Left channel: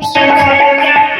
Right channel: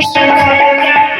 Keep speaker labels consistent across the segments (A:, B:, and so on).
A: Música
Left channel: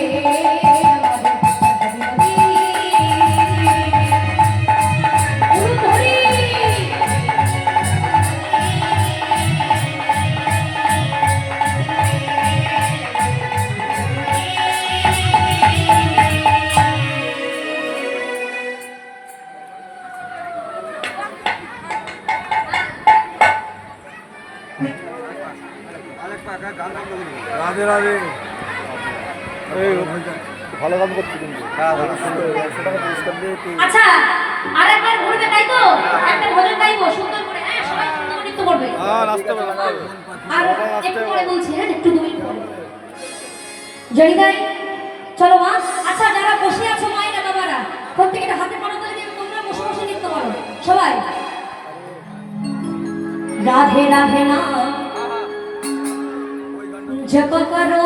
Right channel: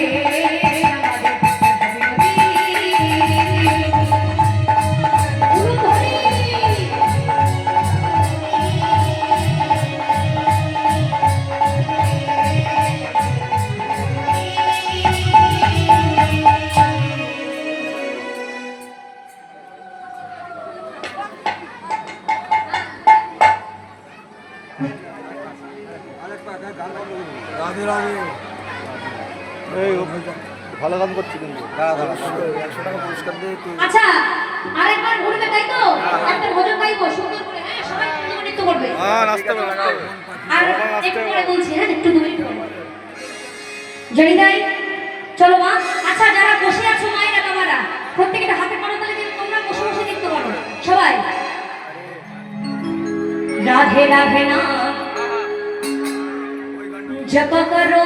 A: Radhe Radhe
B: এই ভালো কাজ করছি কিন্তু। একশো টাকা পুরস্কার দিয়ে একটু
A: আচ্ছা আরেকবার ঘুরবে তাই তো? একটা ভজন গাইবো সুন্দর করে হ্যাঁ সবাই সুন্দর করে নৃত্য করবে।
B: হ্যাঁ নাচতে হবে নাচতে হবে।
A: আর একটু পরে বলছি হ্যাঁ একটু দু মিনিট পরে। রাধে রাধে না জপ করো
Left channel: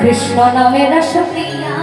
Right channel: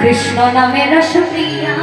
A: কৃষ্ণ নামের সুপ্রিয়া